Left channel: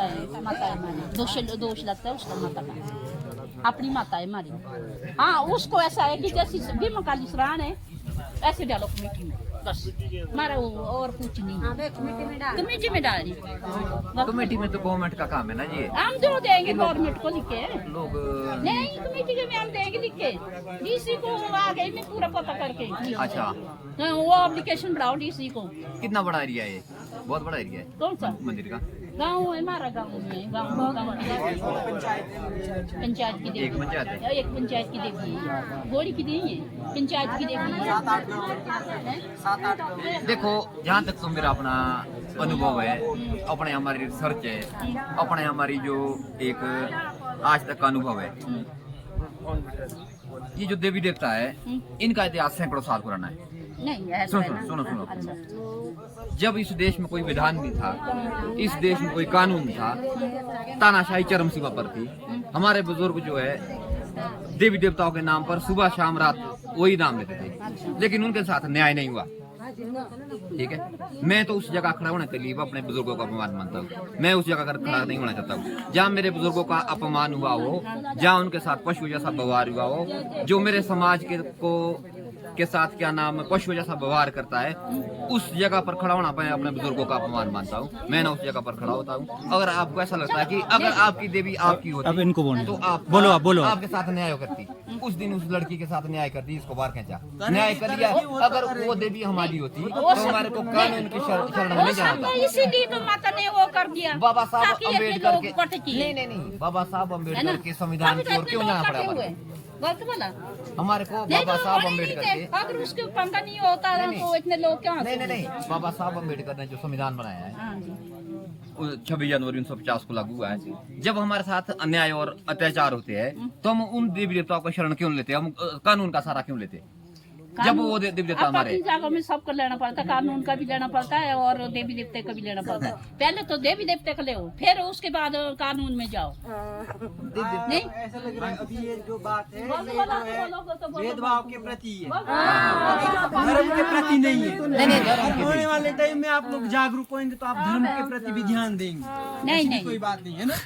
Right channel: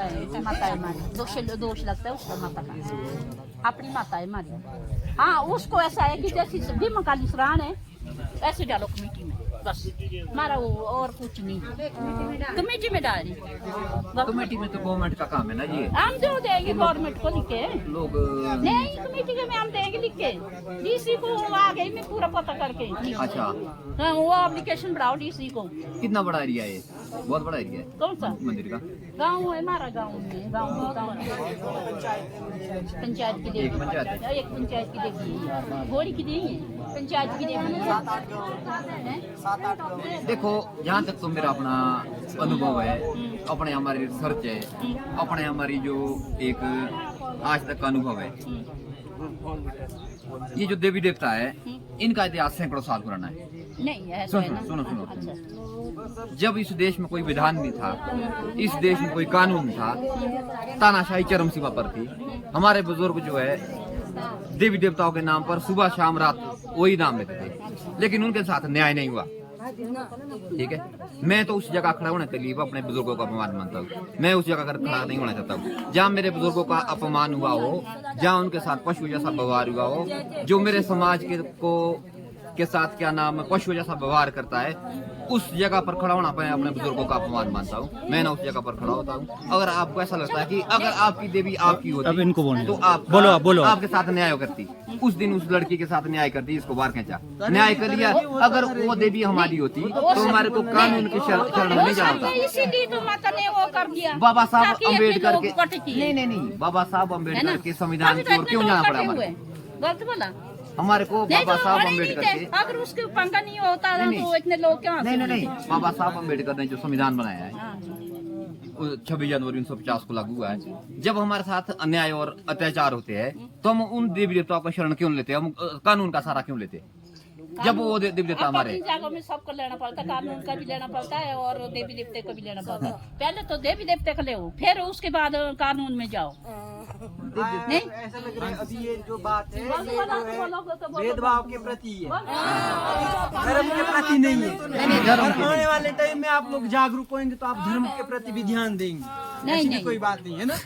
माता है हमारी, दोष लगता है उसका माता का, अपनी माता है हमारी। हाँ उसको ऐसा है कि जैसी भीमा काली सराहन है ऐसे डालो कमेटी में, बस हमारा वो और कुछ नहीं। कमेटी में डाल कमेटी में तो गवर्नमेंट का काम है ना ये, हम जो देंगे गवर्नमेंट को लिखे लोग नहीं, कमेटी में हम देंगे लिख के, डीसी को आ गई मैं पूरा पता करके। अच्छा हाँ, वो एप्लीकेशन बढ़ाओ डीसी को। कितना बड़ा एरिया है ये? बहुत बड़ा एरिया है कौन सा मंदिर का? गाँव है हमारा, गाँव में गाँव की पंचायत की देवी, एक पंचायत है, एक पंचायत की देवी है, घोड़ी की नहीं है, पंचायत की देवी है। देखो जहाँ तक तो मेरा अपना अनुभव है, अपने हमारी रिसर्च है, अपने हमारी जो एक आज तक का अनुभव है, ये जो देवी देवता है इनका इतिहास सैकड़ों साल पुराना है। नहीं है सुनो जब इस देश में कोई विधान नहीं था, इस देश में कोई कानून नहीं था, तानाशाही चरम सीमा पर थी, हमारे बुजुर्ग जो है देवी देवताओं के नाम पर सुबह शाम रात वही नाम लेते थे, लेकिन उनके साथ न्याय नहीं हुआ। ठीक है, मैं तो उस जगह खड़ा होने के लिए अपने बुजुर्गों का अपमान मानता हूँ। मैं उस जगह खड़ा नहीं होना चाहता हूँ जहाँ मेरे बुजुर्गों का अपमान हुआ हो, जहाँ उनके साथ पशु जैसा व्यवहार हुआ हो, जो मेरे समाज के साथ क्या नाम पशु जैसा व्यवहार करता है, उस जगह पर खड़ा होना मैं अपने बुजुर्गों का अपमान मानता हूँ। मैं ना उस जगह पर खड़ा होता हूँ। अगर आपको ऐसा लगता है कि अगर आपकी देवी आपकी होती, अब इनको तो आप बोलो आपके साथ न्याय करती, उस दिन उस लड़की के साथ न्याय करती, इसको बाहर खींचा, न्याय कर दिया। अगर वो देवी हमारी होती तो हमारे को कानून के शरण में नहीं जाना था। इसीलिए तो माता ने वो कर दिया बाबा साहब ताकि अपने अम्बेडकर लोग के कट किए। नहीं बाबा साहब है ना, अम्बेडकर के संविधान की ओर क्यों जाना पड़ा हमारे? गलत बोला हमारे को नहीं, बाबा तो साहब बड़े नहीं अम्बेडकर थे। के अगर उसके पंखा नहीं होता तो इतने लोग क्या नहीं बाबा साहब अम्बेडकर ने जो संविधान बनाया है, हाँ जी। 26 जनवरी 1950 को लागू हुआ है। जब हमारे साथ अन्याय और अत्याचार होते हैं तो हम उन देवी देवताओं का शरण क्यों लेते हैं? हम कानून का सहारा क्यों लेते हैं? जब वो देवी देवता हमारे जगह में सबको लेना पड़ता है, कानून का भी लेना पड़ता है और देवी देवते का भी लेना पड़ता है। पहले तो देवी देवते का ले, फिर उसके बाद कानून में जाओ। नहीं ऐसा लग रहा है अभी ये जो बात है, ये जो है भेदभाव के प्रति है, धर्म के प्रति नहीं है। आने वाले टाइम में आप लोग जागरूक होंगे तो आप धर्म के प्रति भी ध्यान देंगे। ऐसी भी कोई बात नहीं है ना,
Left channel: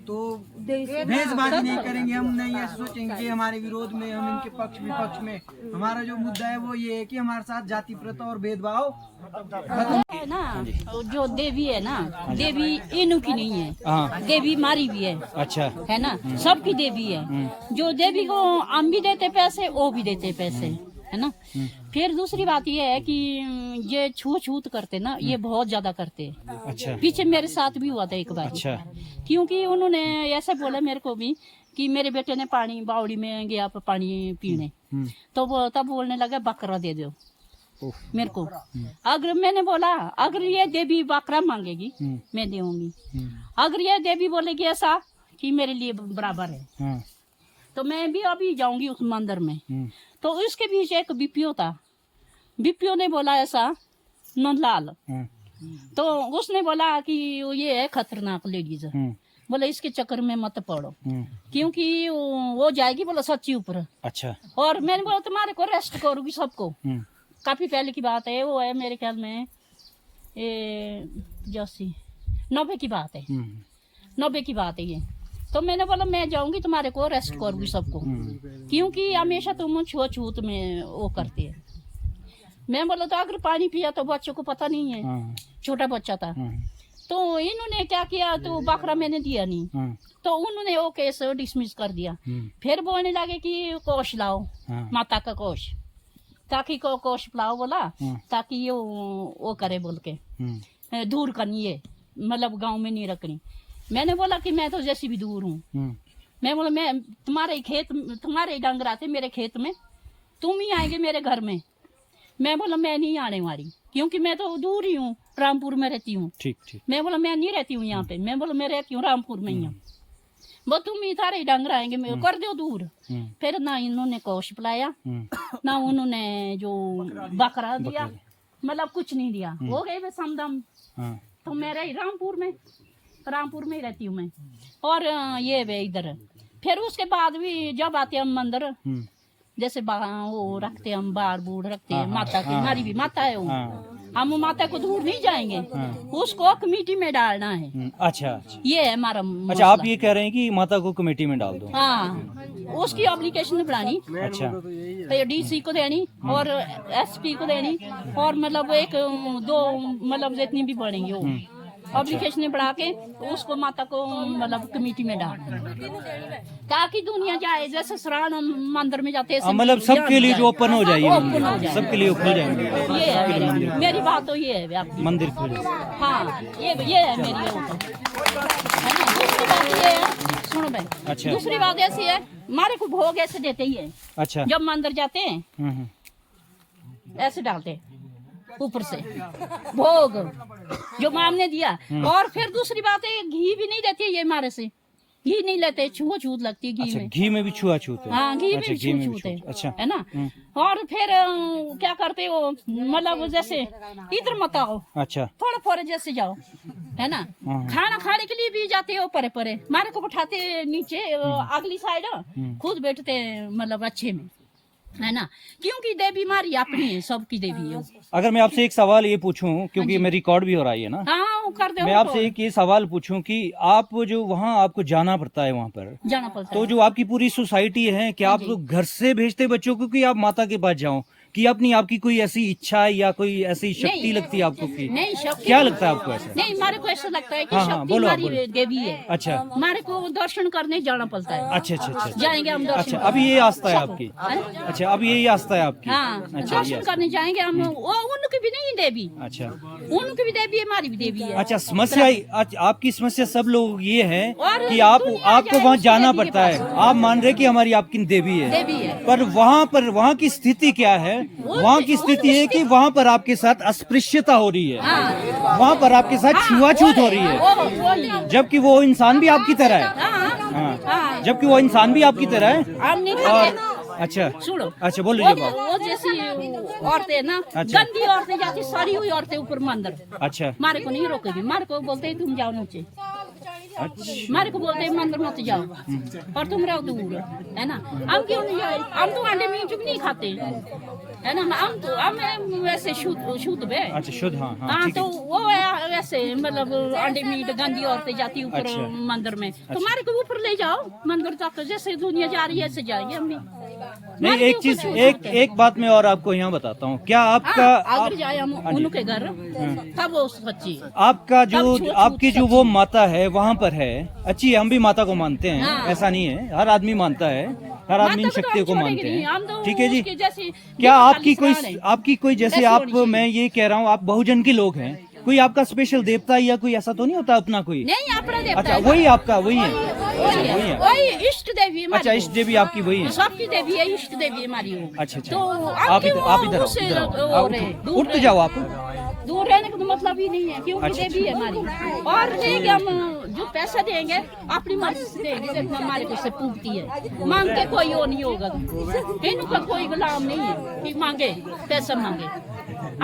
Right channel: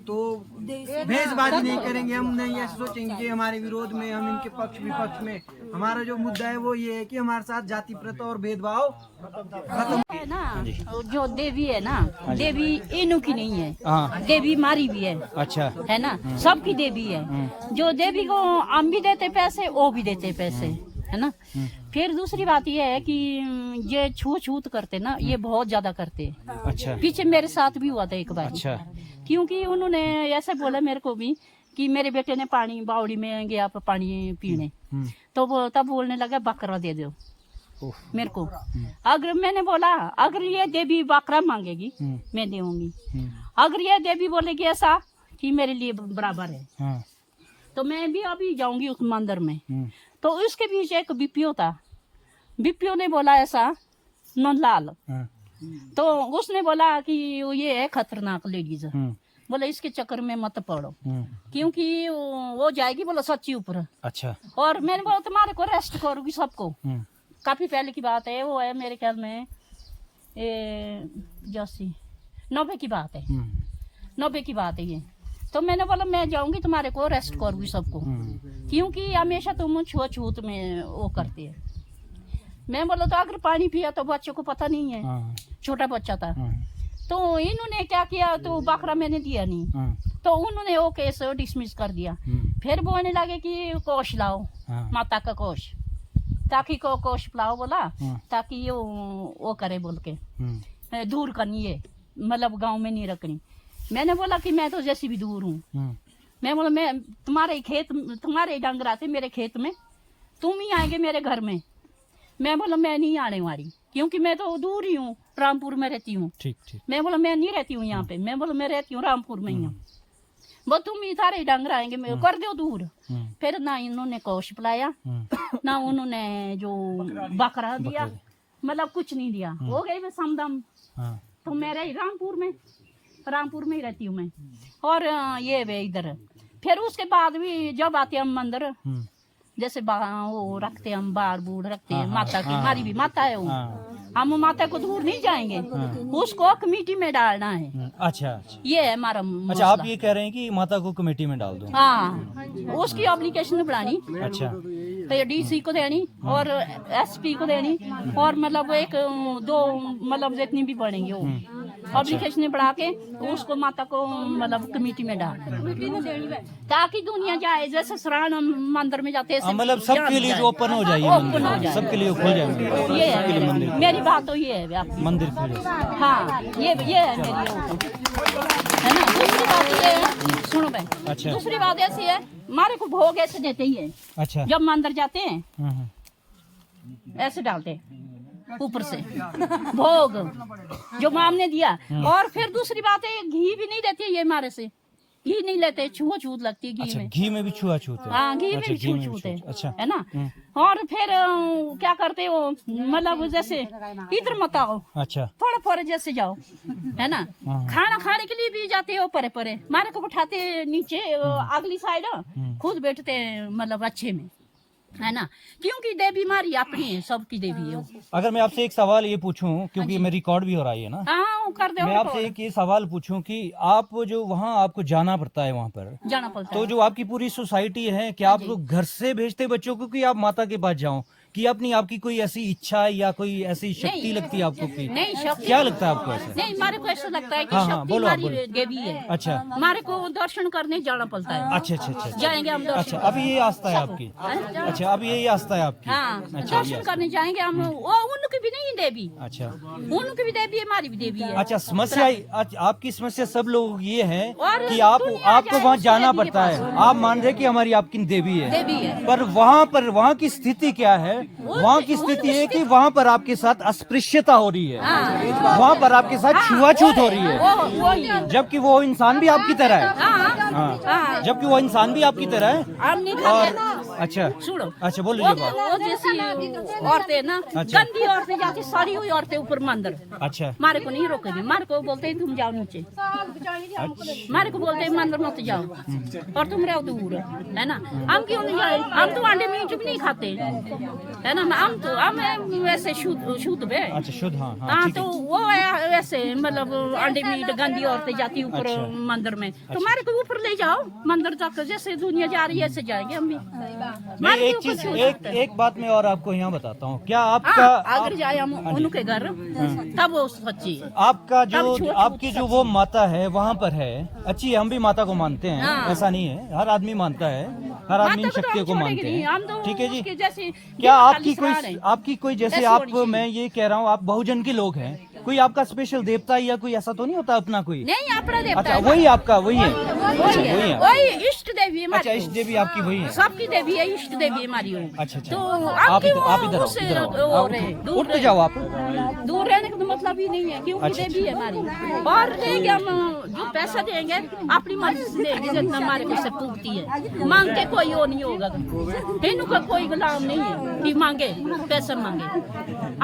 तो भेदभाव नहीं करेंगे हम। नहीं ऐसे सोचेंगे कि हमारे विरोध में, हम इनके पक्ष विपक्ष में। हमारा जो मुद्दा है वो ये है कि हमारे साथ जाति प्रथा और भेदभाव खत्म है ना। जो देवी है ना, देवी इनू की नहीं है, देवी मारी भी है। अच्छा है ना, सबकी देवी है। जो देवी को हम भी देते पैसे, वो भी देते पैसे, है ना। फिर दूसरी बात ये है कि ये छूत करते ना, ये बहुत ज्यादा करते। अच्छा पीछे मेरे साथ भी हुआ था एक बार। अच्छा क्योंकि उन्होंने ऐसे बोला मेरे को भी कि मेरे बेटे ने पानी बावड़ी में गया पानी पीने, तो वो तब बोलने लगा बकरा दे दो मेरे को। अगर मैंने बोला अगर ये देवी बकरा मांगेगी मैं दूंगी, अगर ये देवी बोलेगी ऐसा कि मेरे लिए बराबर है तो मैं भी अभी जाऊंगी उस मंदिर में। तो उसके बीच एक बीपीओ था, बीपीओ ने बोला ऐसा नंदलाल, तो उसने बोला कि ये है खतरनाक लेडीज, बोले इसके चक्कर में मत पड़ो क्योंकि वो जाएगी बोला सच्ची ऊपर। अच्छा और मैंने बोला तुम्हारे को रेस्ट करूंगी सबको। काफी पहले की बात है, वो है मेरे ख्याल में 90 की बात है, 90 की बात है ये। तो मैंने बोला मैं जाऊंगी तुम्हारे को रेस्ट करूंगी सबको, क्योंकि हमेशा तुम छूत में वो करते है। मैं बोला तो अगर पानी पिया तो बच्चों को पता नहीं है, छोटा बच्चा था। तो इन्होंने क्या किया, तो बकरा मैंने दिया नहीं, तो उन्होंने वो केस डिसमिस कर दिया। फिर बोलने लगे कि कोष लाओ, माता का कोष, ताकि को कोष लाओ बोला, ताकि ये वो करे बोल के दूर करनी है, मतलब गांव में नहीं रखनी। मैंने बोला कि मैं तो जैसी भी दूर हूँ। मैं बोला मैं तुम्हारे डंगर आते मेरे खेत में, तुम ही आएंगे मेरे घर में। मैं बोला मैं नहीं आने वाली, क्योंकि मैं तो दूर ही हूँ, रामपुर में रहती हूँ। ठीक ठीक। मैं बोला मैं नहीं रहती हूँ यहाँ पे, मैं बोला मैं रहती हूँ रामपुर में ही हूँ। वो तुम ही सारे डंगर आएंगे, मैं कर दो दूर। फिर ना इन्होंने कोष पिलाया, ना उन्होंने जो बकरा दिया, मतलब कुछ नहीं दिया। हो गई वे समदम। तो मैं रही रामपुर में ही रहती हूँ मैं, और ये वे इधर। फिर उसके बाद भी जब आते हम मंदिर, जैसे वो रखते हम बार बूढ़ रखते हैं माता की, हमारी भी माता है वो, हम माता को दूर नहीं जाएंगे, उसको कमेटी में डालना है। अच्छा अच्छा ये है हमारा अच्छा, आप ये कह रहे हैं कि माता को कमेटी में डाल दो। हाँ, उसकी एप्लीकेशन बनानी, अच्छा डीसी को देनी और एसपी को देनी, और मतलब एक दो मतलब जितनी भी बढ़ेंगे वो एप्लीकेशन बढ़ा के उसको माता को मतलब कमेटी में डालना, ताकि दुनिया जाए। जैसे श्रावण मंदिर में जाते हैं, मतलब सबके लिए जो ओपन हो जाएगी, ओपन हो जाए, सबके लिए खुल जाएंगे। ये है मेरी बात, तो ये है आपकी। मंदिर खुल जाए। हाँ, ये है मेरी वो तो है ना। दूसरी बात ये है, सुनो बहन, अच्छा। दूसरी बात ऐसी है, हमारे को भोग ऐसे देते ही है। अच्छा जब मंदिर जाते हैं हम्म। ऐसे डालते हैं ऊपर से भोग जो माम ने दिया। और फिर दूसरी बात है, घी भी नहीं देती ये हमारे से, घी नहीं लेते, छूत लगती है घी अच्छा, में। घी में भी छुआछूत है। हाँ, घी अच्छा, में घी में भी छूत है, अच्छा है ना। और फिर क्या करते हो, मतलब जैसे इधर मत आओ, अच्छा थोड़ा थोड़ा जैसे जाओ, है ना। खाना खाने के लिए भी जाते हो परे परे, हमारे को उठाते नीचे अगली साइड, खुद बैठते हैं मतलब अच्छे में, है ना। क्योंकि देवी हमारी अपनी है, सबकी देवी है वो। अगर मैं आपसे एक सवाल ये पूछूं, क्योंकि मैं रिकॉर्ड भी हो रहा है ना, हाँ, वो कर दो। मैं आपसे एक ये सवाल पूछूं कि आप जो वहाँ आपको जाना पड़ता है वहाँ पर, जाना पड़ता तो है। जो आपकी पूरी सोसाइटी है, क्या आप लोग घर से भेजते बच्चों को कि आप माता के पास जाओ, कि अपनी आपकी कोई ऐसी इच्छा है या कोई ऐसी शक्ति नहीं। लगती है आपको की? नहीं, शक्ति क्या लगता है आपको ऐसा? नहीं, हमारे को ऐसा लगता है कि हाँ, हाँ, शक्ति बोलो आप, हमारी बोलो। देवी है। अच्छा हमारे को दर्शन करने जाना पड़ता है। अच्छा अच्छा अच्छा अच्छा। जाएंगे हम दर्शन अच्छा, अभी ये आस्था है आपकी? अच्छा, अभी ये आस्था है आपकी? हाँ, अच्छा, ये दर्शन करने जाएंगे हम। वो उनकी भी नहीं देवी, अच्छा उनकी भी देवी है, हमारी भी देवी है। अच्छा। समस्या आपकी समस्या सब लोग ये है और कि दुनिया आपको जाए वहाँ उसकी जाना देवी के पड़ता है, पास। आप मान रहे कि हमारी आपकी देवी है, देवी है। पर वहाँ की स्थिति क्या है? वहाँ की स्थिति है कि वहाँ पर आपके साथ अस्पृश्यता हो रही है, हाँ, वहाँ पर आपके साथ छुआछूत हो रही है, वो नहीं। जबकि वो इंसान भी आपकी तरह है। हाँ, हाँ, हाँ, जबकि वो इंसान भी आपकी तरह है। हम नहीं और खाते। अच्छा सुनो, अच्छा, बोलिए बात। वो जैसी औरतें ना, अच्छा। गंदी औरतें जाती, सारी हुई औरतें ऊपर मंदिर, अच्छा हमारे को नहीं रोकेगी। हमारे को बोलते हैं तुम जाओ नीचे, अच्छा हमारे को बोलते हैं मंदिर मत जाओ और तुम रहो दूर, है ना। हम क्यों नहीं जाए? हम तो अंडे मीट भी नहीं खाते, है ना। हम वैसे शुद्ध है। अच्छा, शुद्ध। हाँ हाँ, हाँ, ठीक तो है। वो वैसे मतलब अंडे मीट, गंदी औरतें जाती ऊपर अच्छा। मंदिर में, तो हमारे को ऊपर ले जाओ मंदिर तक, जैसे दुनिया जा रही है ऐसे जाएंगे हम भी। नहीं, हमारे एक को चीज, कुछ एक बात मैं और आपको यहाँ बताता हूँ। क्या आपका हाँ, अगर जाए हम उनके घर तब वो सच्ची है। आपका तब जो छूत आपकी जो वो माता है वहाँ पर है, अच्छी है, हम भी माता को मानते हैं, हाँ। ऐसा नहीं है, हर आदमी मानता है, हर आदमी इन माता को तो शक्तियों को हम मानते छोड़ेंगे नहीं, हम हैं, तो ठीक है जी। उसके जैसे क्या ये आपकी खाली कोई जैसे वैसी आप, होनी चाहिए। मैं ये कह रहा हूँ, आप बहुजन के लोग हैं, कोई आपका स्पेशल देवता या कोई ऐसा तो नहीं होता अपना कोई? नहीं, अपना देवता अच्छा, है। वही आपका वही है? वही अच्छा, है, वही है। वही इष्ट देवी है हमारी अच्छा, को। इष्ट देवी आपकी वही है? सबकी देवी है, इष्ट देवी है हमारी वो। अच्छा अच्छा, तो आप इधर आओ, उससे इधर आओ, वो आओ, रहे, उठ दूर तो रहे। जाओ आप। दूर रहने का तो मतलब ही नहीं है, क्योंकि अच्छा, देवी है हमारी। और देंगे हम, जो पैसा देंगे अपनी मर्जी से देंगे, जितना हमारे को से पूछती है। मांग के कोई वो नहीं होगा, तेनू का कोई गुलाम नहीं है कि मांगे पैसा मांगे,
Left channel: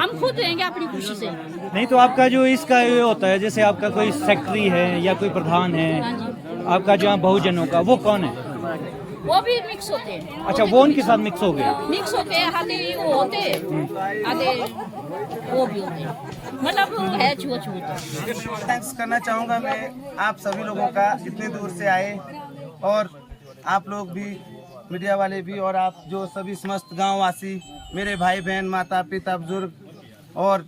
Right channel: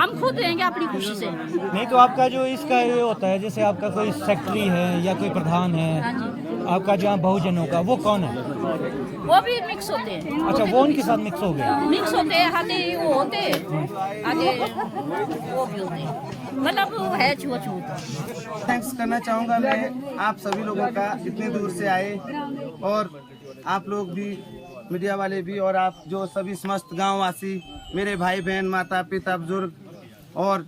हम खुद देंगे अपनी खुशी से। नहीं तो आपका जो इसका ये होता है, जैसे आपका कोई सेक्रेटरी है या कोई प्रधान है आपका, जो बहुजनों का, वो कौन है? वो भी मिक्स होते हैं। अच्छा, वो उनके साथ मिक्स हो गया। मिक्स होते हैं, आधे वो होते हैं, आधे वो भी होते हैं, मतलब वो है छुआछूत। थैंक्स करना चाहूँगा मैं आप सभी लोगों का, इतने दूर से आए, और आप लोग भी, मीडिया वाले भी, और आप जो सभी समस्त गाँव वासी, मेरे भाई बहन, माता पिता, बुजुर्ग, और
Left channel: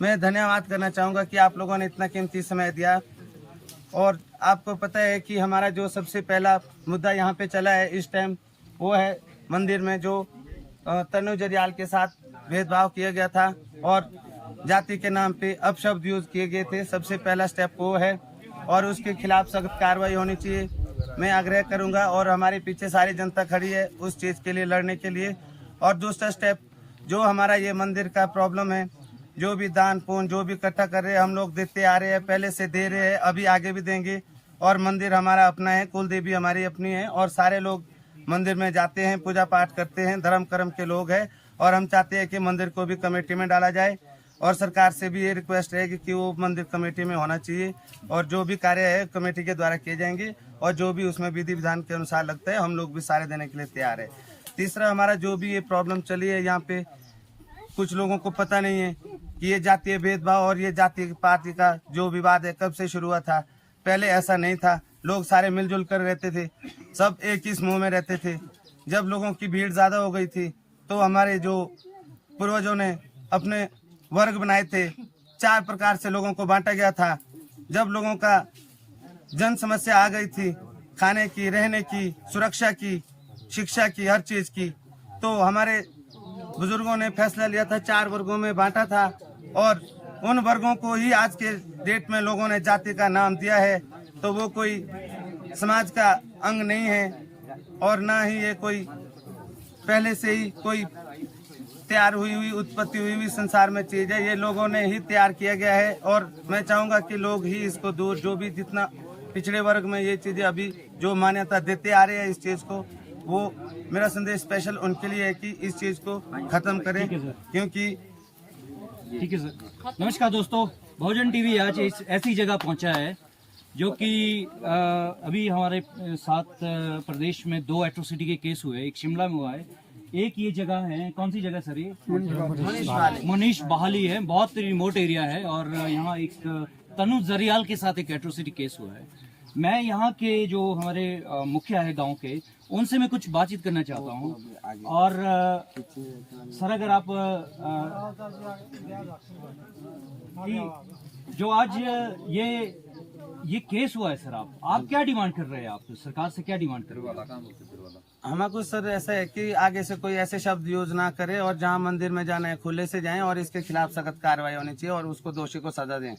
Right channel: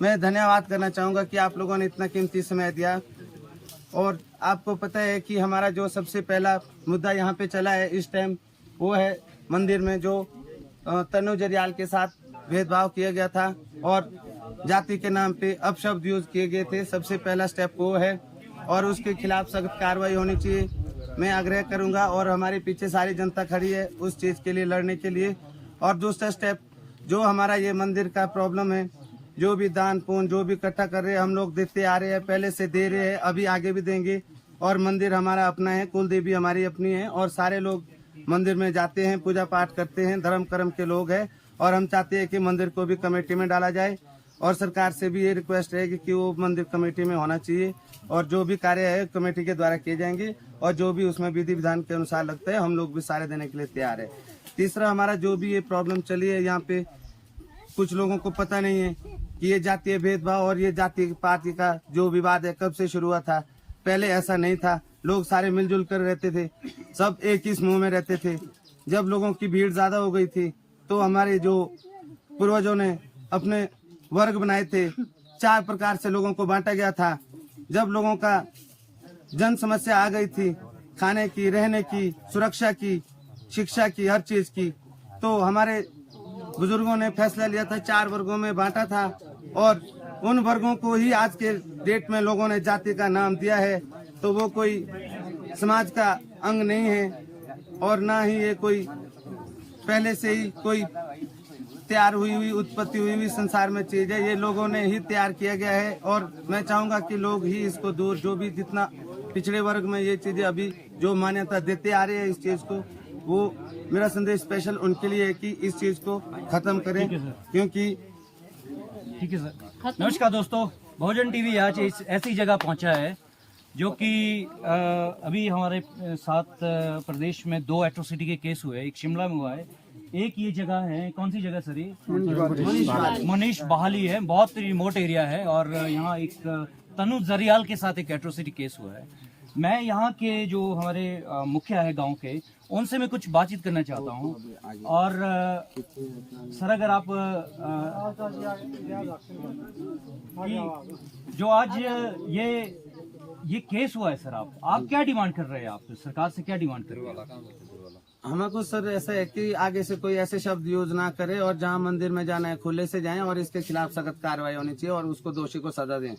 मैं धन्यवाद करना चाहूँगा कि आप लोगों ने इतना कीमती समय दिया। और आपको पता है कि हमारा जो सबसे पहला मुद्दा यहाँ पे चला है इस टाइम, वो है मंदिर में जो तनु जरियाल के साथ भेदभाव किया गया था और जाति के नाम पे अपशब्द यूज किए गए थे। सबसे पहला स्टेप वो है और उसके खिलाफ सख्त कार्रवाई होनी चाहिए, मैं आग्रह करूंगा। और हमारे पीछे सारी जनता खड़ी है उस चीज़ के लिए, लड़ने के लिए। और दूसरा स्टेप, जो हमारा ये मंदिर का प्रॉब्लम है, जो भी दान पुण्य जो भी इकट्ठा कर रहे हैं, हम लोग देते आ रहे हैं, पहले से दे रहे हैं, अभी आगे भी देंगे। और मंदिर हमारा अपना है, कुल देवी हमारी अपनी है, और सारे लोग मंदिर में जाते हैं, पूजा पाठ करते हैं, धर्म कर्म के लोग हैं। और हम चाहते हैं कि मंदिर को भी कमेटी में डाला जाए, और सरकार से भी ये रिक्वेस्ट रहेगी कि वो मंदिर कमेटी में होना चाहिए, और जो भी कार्य है कमेटी के द्वारा किए जाएंगे, और जो भी उसमें विधि विधान के अनुसार लगता है हम लोग भी सारे देने के लिए तैयार है। तीसरा, हमारा जो भी ये प्रॉब्लम चली है यहाँ पे, कुछ लोगों को पता नहीं है, कि ये जातीय भेदभाव और ये जाति पाति का जो विवाद है कब से शुरू हुआ था। पहले ऐसा नहीं था, लोग सारे मिलजुल कर रहते थे, सब एक ही समूह में रहते थे। जब लोगों की भीड़ ज्यादा हो गई थी तो हमारे जो पूर्वजों ने अपने वर्ग बनाए थे, 4 प्रकार से लोगों को बांटा गया था। जब लोगों का जन समस्या आ गई थी, खाने की, रहने की, सुरक्षा की, शिक्षा की, हर चीज की, तो हमारे बुजुर्गों ने फैसला लिया था, 4 वर्गों में बांटा था और उन वर्गों को ही आज के डेट में लोगों ने जाति का नाम दिया है। तो वो कोई समाज का अंग नहीं है और ना ही ये कोई पहले से ही कोई तैयार हुई उत्पत्ति हुई संसार में चीज है। ये लोगों ने ही तैयार किया गया है और मैं चाहूंगा कि लोग ही इसको दूर, जो भी जितना पिछड़े वर्ग में ये चीजें अभी जो मान्यता देते आ रहे हैं इस चीज को, वो मेरा संदेश स्पेशल उनके लिए है कि इस चीज को खत्म करें, क्योंकि ठीक है सर। नमस्कार दोस्तों, बहुजन टीवी आज ऐसी जगह पहुंचा है जो कि अभी हमारे साथ प्रदेश में 2 एट्रोसिटी के केस हुए। एक शिमला में हुआ है, एक ये जगह है, कौन सी जगह सर? ये मनीष बहाली है, बहुत रिमोट एरिया है और यहाँ एक तनु जरियाल के साथ एक एट्रोसिटी केस हुआ है। मैं यहाँ के जो हमारे मुखिया है गांव के, उनसे मैं कुछ बातचीत करना चाहता हूँ। और सर अगर आप जो आज ये केस हुआ है सर, आप क्या डिमांड कर रहे हैं? आप सरकार से क्या डिमांड कर रहे हैं? हमको सर ऐसा है कि आगे से कोई ऐसे शब्द यूज ना करे और जहाँ मंदिर में जाना है खुले से जाएं और इसके खिलाफ सख्त कार्रवाई होनी चाहिए और उसको दोषी को सजा दें।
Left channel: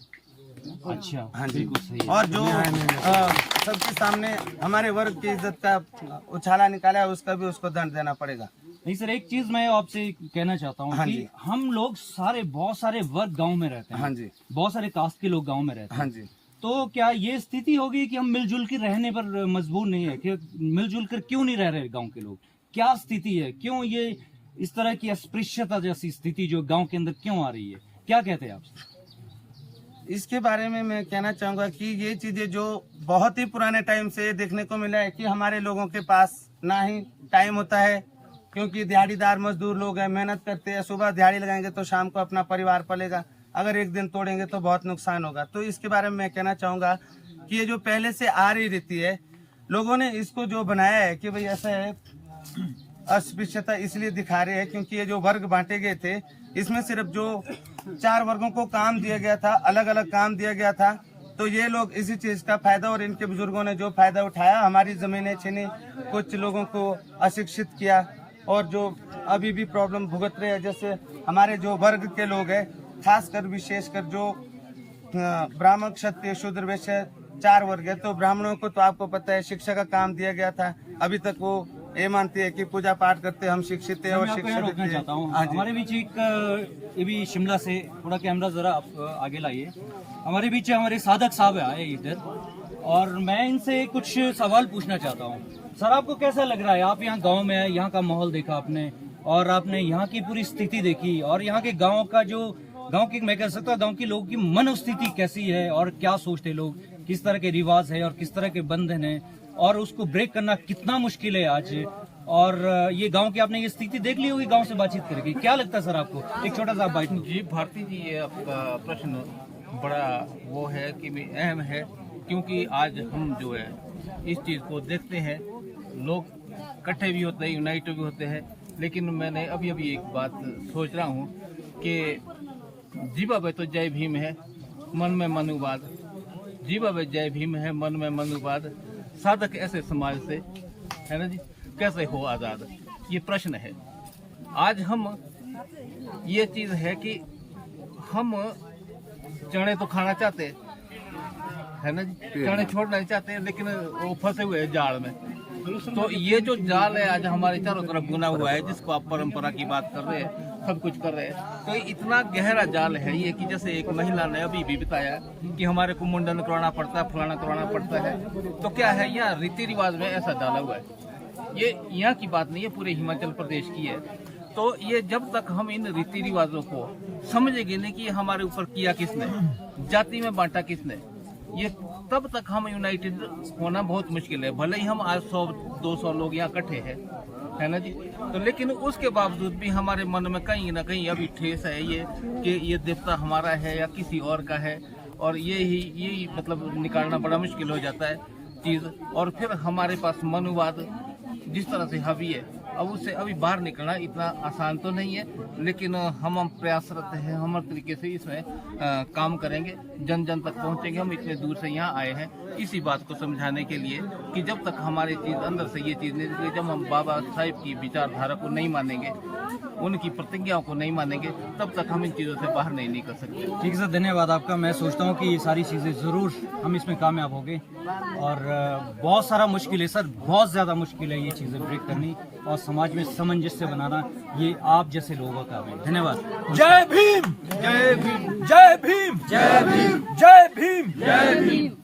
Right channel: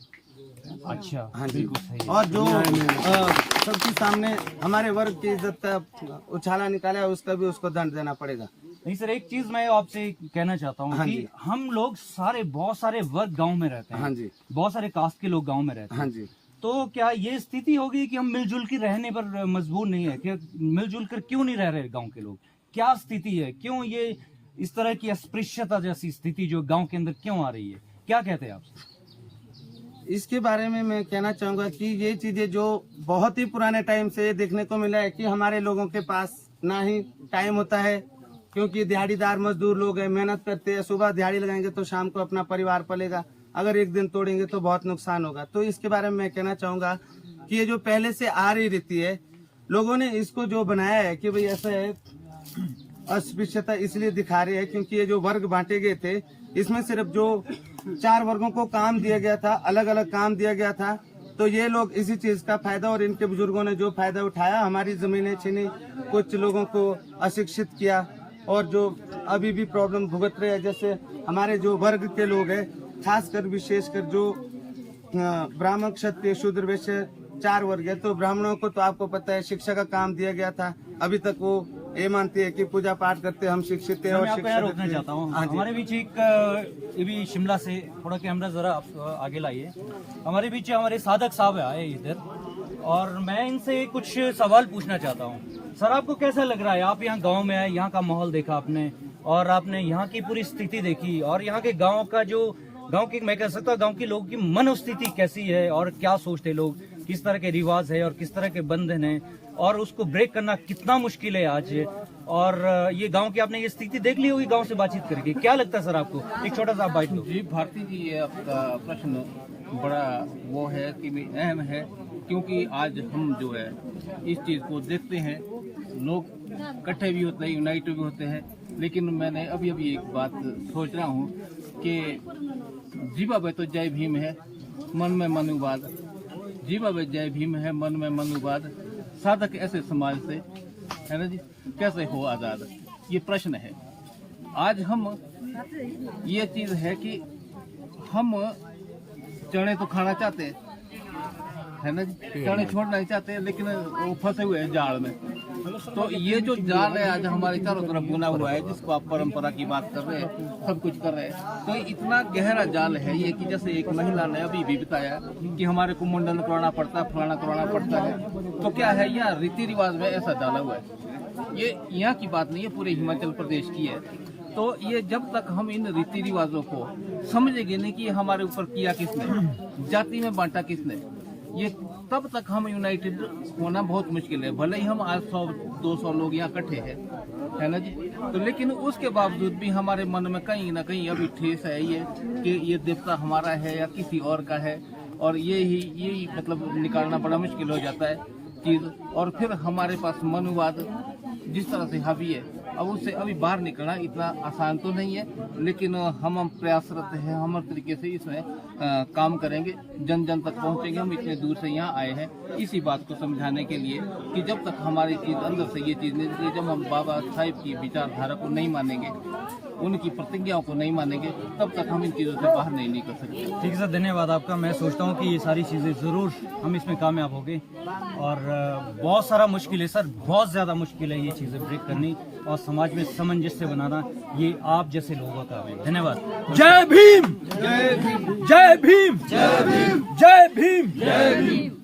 अच्छा, हाँ जी। और जो सबके सामने हमारे वर्ग की इज्जत का उछाला निकाला है उसका भी उसको दंड देना पड़ेगा। नहीं सर, एक चीज मैं आपसे कहना चाहता हूँ कि हम लोग बहुत सारे वर्ग गांव में रहते हैं। हाँ जी। बहुत सारे कास्ट के लोग गांव में रहते हैं। हाँ जी। तो क्या ये स्थिति होगी कि हम मिलजुल कर रहने पर मजबूर नहीं है? कि मिलजुल कर क्यों नहीं रह रहे गांव के लोग? क्या स्थिति है? क्यों ये इस तरह की अस्पृश्यता जैसी स्थिति जो गांव के अंदर क्यों आ रही है? क्या कहते हैं आप? इसके बारे में मैं कहना चाहूंगा कि ये चीजें जो बहुत ही पुराने टाइम से देखने को मिला है कि हमारे लोगों के पास ना ही टाइम होता है, क्योंकि दिहाड़ीदार मजदूर लोग हैं, मेहनत करते हैं, सुबह दिहाड़ी लगाएंगे तो शाम को अपना परिवार पलेगा, अगर एक दिन तोड़ेंगे तो बहुत नुकसान होगा। तो इसके बारे में मैं कहना चाहूंगा कि ये जो पहले से आ रही रहती है, लोगों ने इसको जो बनाया है कि भाई ऐसा है, अस्पृश्यता इसलिए दिखा रहे हैं क्योंकि ये जो वर्ग बांटे गए थे इसमें सिर्फ जो 4 वर्गों को काम दिया गया था, अलग अलग काम दिया गया था, तो ये लोग इसी चीज का फायदा और इनके बुजुर्गों ने जो फायदा उठाया, हमारी जमीनें छीनी, कुछ लोगों को अशिक्षित किया और जो अभी भी प्रॉब्लम भुगत रहे हैं। जैसे हमारे जो वर्ग के लोग हैं, खासकर विशेषकर जो ब्राह्मण, क्षत्रिय, शूद्र, वैश्य 4 वर्ग है, तो ब्राह्मणों को तो आपको पता है शिक्षा का काम दिया गया था। अभी तक वो ये मानते हैं कि पूजा पाठ करते हम शिक्षित हैं और शिक्षा रोकना चाहता हूँ। हमारे बीच एक ये भी शिमला से थोड़ा कैमरा जरा आप आगे लाइए। हमारे बीच हमारे साधक साहब आए इधर और मैं इनसे कुछ सवाल पूछना चाहता हूँ। सर, आपको कैसा लग रहा है? आप यहाँ गांव में आए, यहाँ का माहौल देखा आपने और आपने यहाँ की पूरी स्थिति देखी और यहाँ के गाँव का जो मैं कह सकता हूँ गाँव के लोगों की मनोस्थिति कैसी है और क्या सोचते लोग, किस तरह के रिवाज है और किस तरह के बंधन है और उसको ब्रेक करना कितना मुश्किल है आज। और ये गांव की आपने ये स्थिति देख ली होगी गांव से बातचीत करके, क्या लगता है सर आपको? एक छोटा सा बात। जी भारती जी, ये आपका प्रश्न बड़ा वो है कि अहम है, क्योंकि आज हम जो है इस चीज़ को देखते हैं, लोग इकट्ठे भी होते हैं, यूनाइटेड भी होते हैं, लेकिन मैंने अभी एक बात सोच रहा हूँ कि जीवा तो जय भीम है, मन में मनुवाद, जीवा जय भीम है, मन में मनुवाद, साधक ऐसे समाज से है ना जी कैसे हो आजाद, ये प्रश्न है। आज हम ये चीज है कि हम चने तो खाना चाहते है ना जी, चने छोड़ना नहीं चाहते, लेकिन वो फंसे हुए हैं जाल में। तो ये जो जाल है आज हमारे चारों तरफ बुना हुआ है, जिसको आप परंपरा की बात कर रहे हैं, सब कुछ कर रहे हैं, तो इतना गहरा जाल है ये कि जैसे एक महिला ने अभी भी बताया कि हमारे को मुंडन करवाना पड़ता है, फलाना करवाना पड़ता है। तो क्या है, यहाँ रीति रिवाज में ऐसा डाला हुआ है। ये यहाँ की बात नहीं है, पूरे हिमाचल प्रदेश की है। तो ये जब तक हम इन रीति रिवाजों को समझेंगे नहीं कि हमारे ऊपर किया किसने, जाति में बांटा किसने, ये तब तक हम यूनाइटेड होना बहुत मुश्किल है। भले ही हम आज 100-200 लोग यहाँ इकट्ठे हैं, है ना जी। तो लेकिन उसके बावजूद भी हमारे मन में कहीं ना कहीं अभी ठेस है ये कि ये देवता हमारा है या किसी और का है, और यही मतलब निकालना बड़ा मुश्किल हो जाता है चीज। और फिर हमारे पास मनुवाद जिस तरह से हावी है, अब उससे अभी बाहर निकलना इतना आसान तो नहीं है, लेकिन हम प्रयासरत हैं, हम हर तरीके से इसमें काम करेंगे, जन जन तक पहुंचेंगे। हम इतने दूर से यहाँ आए हैं इसी बात को समझाने के लिए कि जब तक हमारी चीज अंदर से ये चीज नहीं निकलेगी, जब हम बाबा साहिब की विचारधारा को नहीं मानेंगे, उनकी प्रतिज्ञाओं को नहीं मानेंगे, तब तक हम इन चीजों से बाहर नहीं निकल सकते। ठीक है सर, धन्यवाद आपका। मैं सोचता हूँ कि ये सारी चीज़ें ज़रूर हम इसमें कामयाब होंगे, और बहुत सारा मुश्किल है सर, बहुत ज़्यादा मुश्किल है ये चीज़ें ब्रेक करनी और समाज में सामंजस्य बनाना, ये आप जैसे लोगों का काम है। धन्यवाद। जय भीम, जय भीम, जय भीम, जय भीम, जय भीम, जय भीम।